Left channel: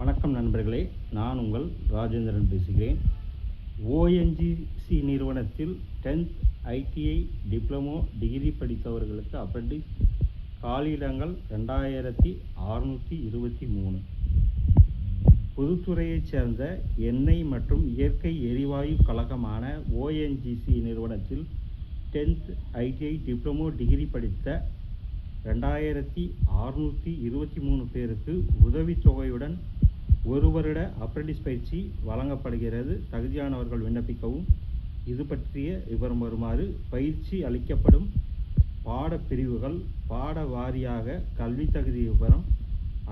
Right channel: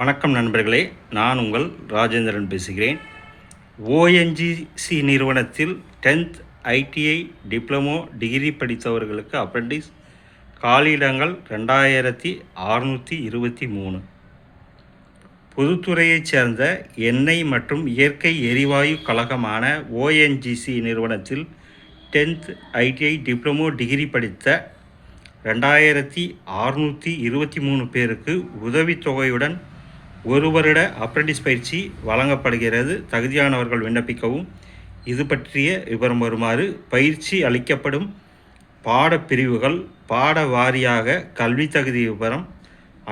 வணக்கம் நண்பர்களே, நான் உங்கள் ராஜேந்திரன் பேசுகிறேன். ஓஎன்ஜிசி நிறுவனத்தில் 10th ஐடிஐ டிப்ளமோ டிகிரி படித்தவர்களுக்கு அப்ரெண்டிஸ் காலியிடங்கள் 2623. பொதுத்துறையைச் சேர்ந்த எண்ணெய் மற்றும் இயற்கை எரிவாயு கழகமான ஓஎன்ஜிசி நிறுவனத்தில் 10th ஐடிஐ டிப்ளமோ டிகிரி படித்த 2623 பேருக்கு உதவித்தொகையுடன் ஒரு வருட அப்ரெண்டிஸ் பயிற்சி வழங்கப்படுகிறது. தகுதியானவர்கள் விண்ணப்பிக்கவும். இது பற்றிய விவரம் வருமாறு: பயிற்சி அளிக்கப்படும் பாடப்பிரிவுகள் பாட வாரியாக கல்வி தகுதி விவரம்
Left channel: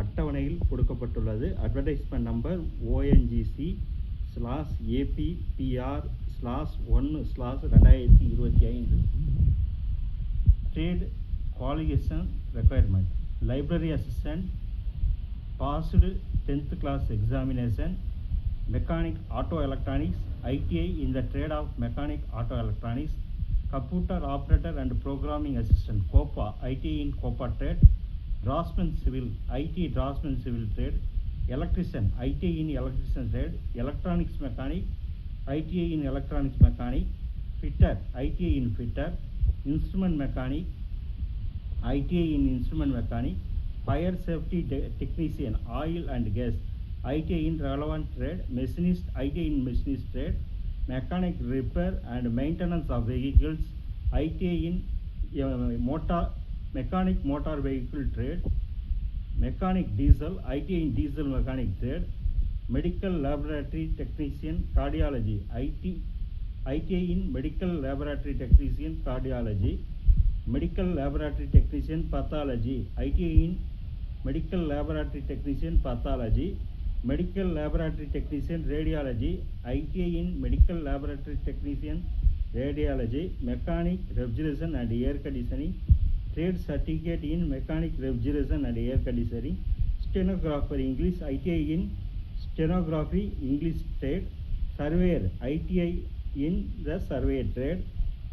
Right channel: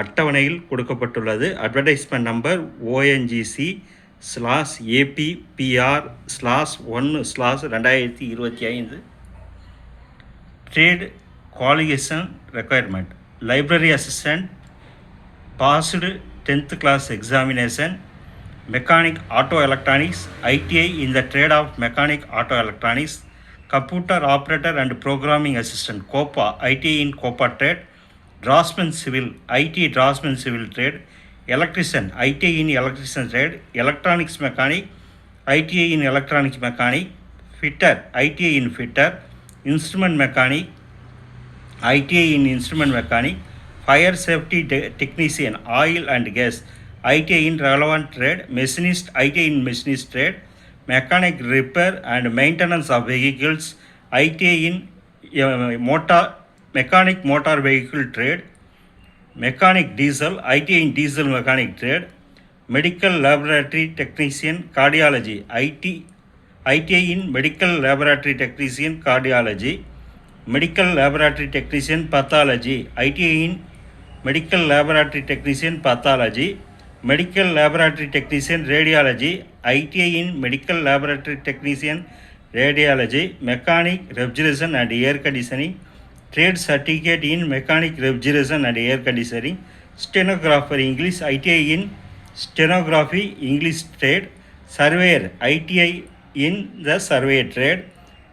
அட்டவணையில் கொடுக்கப்பட்டுள்ளது. Advertisement number ONGC/APPR/1/2025. Trade qualification requirement: library assistant, passed 10th class examination, mechanic auto electronics, ITI in the trade of mechanic auto electronics, computer operator and programming assistant, COPA, ITI in COPA trade, draftsman civil, ITI draftsman civil trade, electrician, ITI in electrician trade, electronics mechanic, ITI in electronics mechanic, fitter, ITI in fitter, instrument mechanic, ITI in instrument mechanic, fire safety technician, oil and gas, ITI in relevant trade, machinist, ITI in machinist trade, mechanic repair and maintenance of vehicles, ITI in mechanic motor vehicle trade, mechanic diesel, ITI in diesel mechanic trade, medical laboratory technician, cardiology, ITI in medical laboratory technician, cardiology, medical laboratory technician, pathology, ITI in medical laboratory technician, pathology, medical laboratory technician, radiology, ITI in medical laboratory technician, radiology, mechanic refrigeration and air conditioning, trade certificate in mechanic refrigeration and air conditioning, stenographer English, ITI in stenography English trade, surveyor, ITI in the survey trade,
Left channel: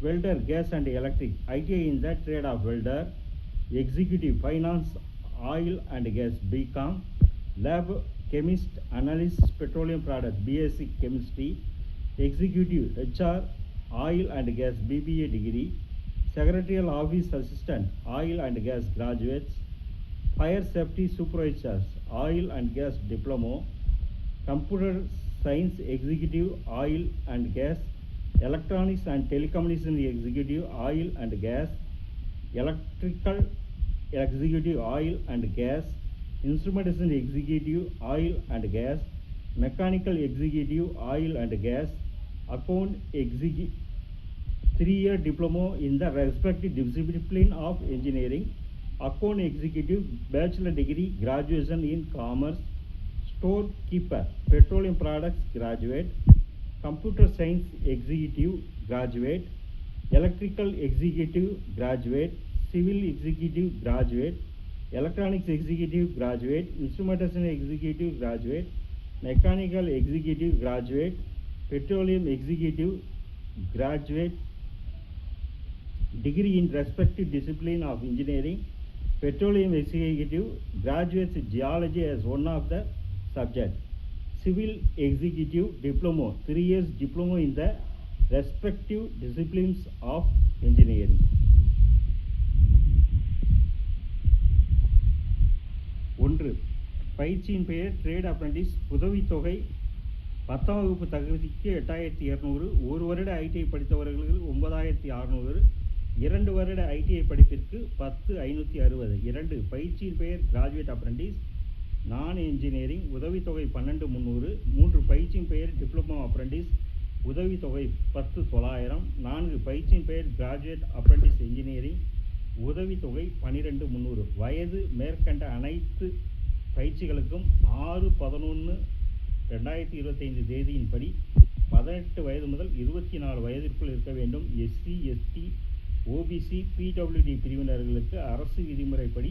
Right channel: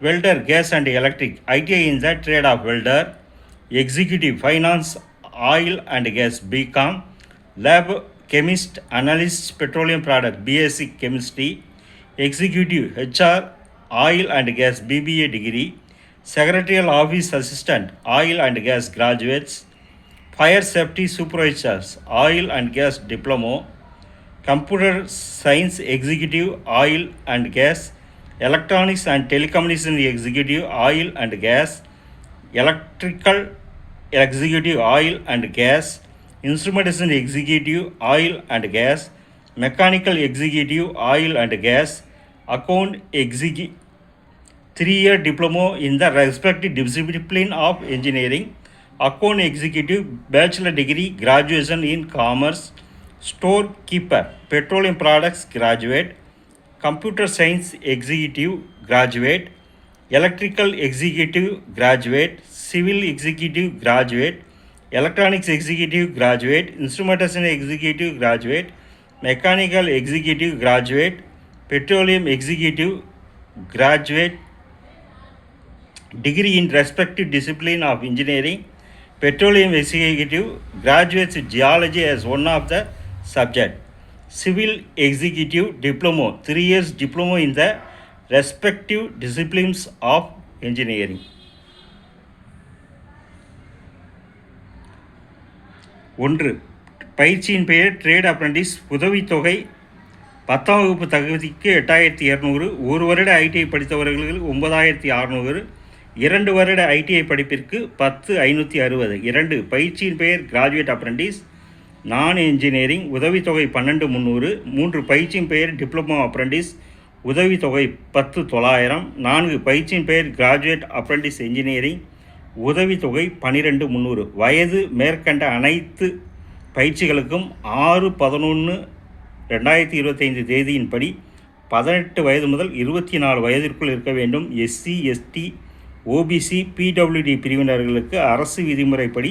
welder gas and electric, ITI in the trade of welder, executive finance oil and gas, BCom, lab chemist, analyst petroleum product, BSc chemistry, executive HR oil and gas, BBA degree, secretarial office assistant oil and gas graduates, fire safety supervisors oil and gas diploma, computer science executive oil and gas, electronics and telecommunication executive oil and gas, electrical executive oil and gas, instrumentation executive oil and gas, mechanical executive oil and gas, account executive 3-year diploma in the respective discipline of engineering, account executive bachelor degree graduation in commerce, storekeeper petroleum products graduate, computer science executive graduate, electrical executive graduate, civil executive graduate, electronics executive graduate, instrumentation executive graduate, mechanical executive graduate, petroleum executive graduate, degree in respective discipline of engineering, petroleum executive graduates geology as one of the subject, civil executive diploma 3 years diploma in the respective disciplines of engineering. 1. பயிற்சியின் பெயர் trade apprentice. உதவித்தொகை 10ஆம் வகுப்பு தகுதிக்கு 8200, ஒரு வருட ITI படித்தவர்களுக்கு 9600, 2 வருட ஐடிஐ படிப்பிற்கு 10560. 2. பயிற்சியின் பெயர் கிராஜுவேட் அப்ரெண்டிஸ் நான் என்ஜினியரிங். உதவித்தொகை 12300. 3. பயிற்சியின் பெயர் டிப்ளமோ அப்ரெண்டிஸ். உதவித்தொகை 10900. 4. பயிற்சியின் பெயர் கிராஜுவேட் அப்ரெண்டிஸ் என்ஜினியரிங். உதவித்தொகை 12300. வயது மேற்கண்ட அனைத்து பயிற்சிகளுக்கும் 6/11/2025 தேதியின்படி 18 வயது முதல் 24 வயதிற்குள் இருக்க வேண்டும். எஸ்சி, எஸ்டி, ஓபிசி, பிடபிள்யூடி பிரிவினர்களுக்கு அரசு விதிமுறைப்படி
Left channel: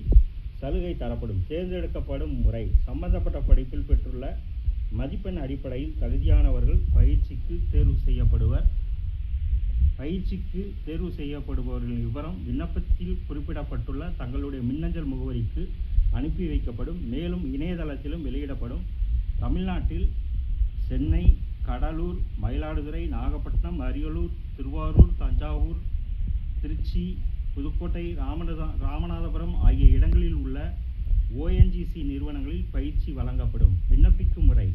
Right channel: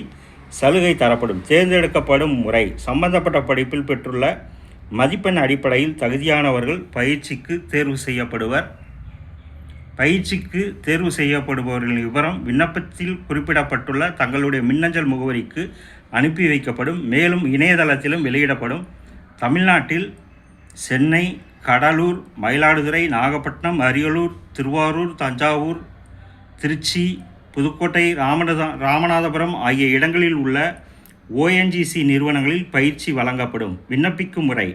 சலுகை தரப்படும். தேர்ந்தெடுக்கப்படும் முறை: சம்பந்தப்பட்ட படிப்பில் பெற்றுள்ள மதிப்பெண் அடிப்படையில் தகுதியானவர்கள் பயிற்சிக்கு தேர்வு செய்யப்படுவர். பயிற்சிக்கு தேர்வு செய்யப்படுபவர்களின் விவரம் விண்ணப்பத்தில் குறிப்பிடப்பட்டுள்ள தங்களுடைய மின்னஞ்சல் முகவரிக்கு அனுப்பி வைக்கப்படும். மேலும் இணையதளத்திலும் வெளியிடப்படும். தமிழ்நாட்டில் சென்னை, கடலூர், மயிலாடுதுறை, நாகப்பட்டினம், அரியலூர், திருவாரூர், தஞ்சாவூர், திருச்சி, புதுக்கோட்டை, ராமநாதபுரம் ஆகிய இடங்களில் உள்ள ONGC நிறுவனங்களில் பயிற்சி வழங்கப்படும். விண்ணப்பிக்கும் முறை:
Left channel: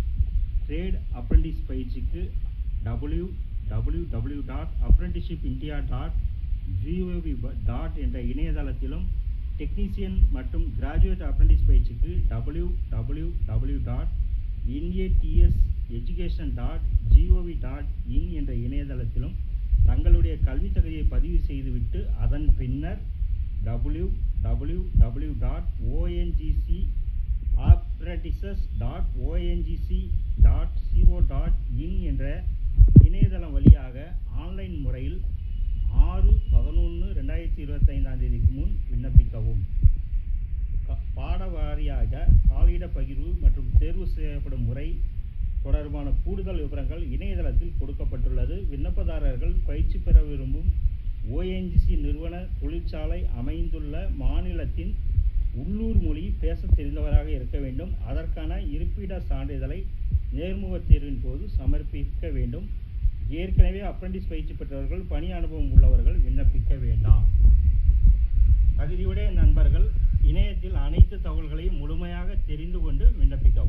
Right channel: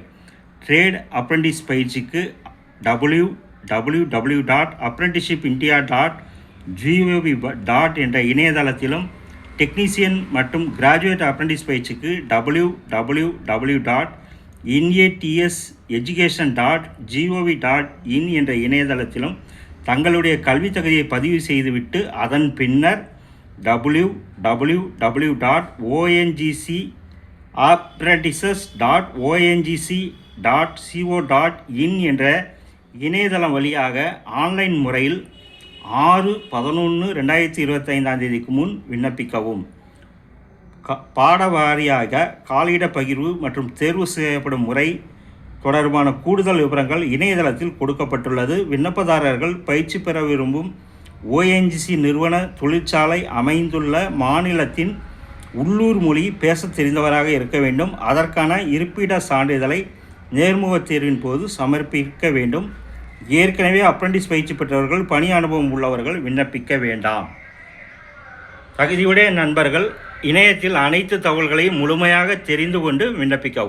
ட்ரேட் அப்ரெண்டிஸ் பயிற்சிக்கு www.apprenticeshipindia.gov. என்ற இணையதளத்திலும், டெக்னீசியன் மற்றும் கிராஜுவேட் அப்ரெண்டிஸ் பயிற்சிக்கு www.inatseducation.gov.in என்ற இணையதளத்திலும் தங்களுடைய கல்வி தகுதியை பதிவு செய்துவிட்டு அதன் பின்னர் www.ONGCapprentices.ongc.co.in என்ற இணையதளம் வழியாக ஆன்லைன் முறையில் 6/11/2025 முன் விண்ணப்பிக்கவும். பாடவாரியாக காலியிட பகிர்வு மற்றும் தேர்வு செய்யப்படும் முறை தொடர்பான கூடுதல் விவரங்கள் இணையதளத்தில் கொடுக்கப்பட்டுள்ளது. விண்ணப்பதாரர்கள் பயிற்சி பெற விரும்பும் ONGC நிறுவன தொழிற்சாலை அமைந்துள்ள மாநிலத்தின் உள்ளூர் மொழி பேச தெரிந்தவராக இருக்க வேண்டும். அதற்கான இருப்பிட சான்றிதழை நேர்முக தேர்வின் போது சமர்ப்பிக்க வேண்டும். ஏற்கனவே அப்ரெண்டிஸ் பயிற்சி பெற்றவர்கள், பணி அனுபவம் உள்ளவர்கள் விண்ணப்பிக்க வேண்டாம். தகுதியுடைய நண்பர்கள் இணையத்தில் அனைத்து தகவல்களையும் முழுமையாக தெரிந்து கொண்டு விண்ணப்பிக்கவும்.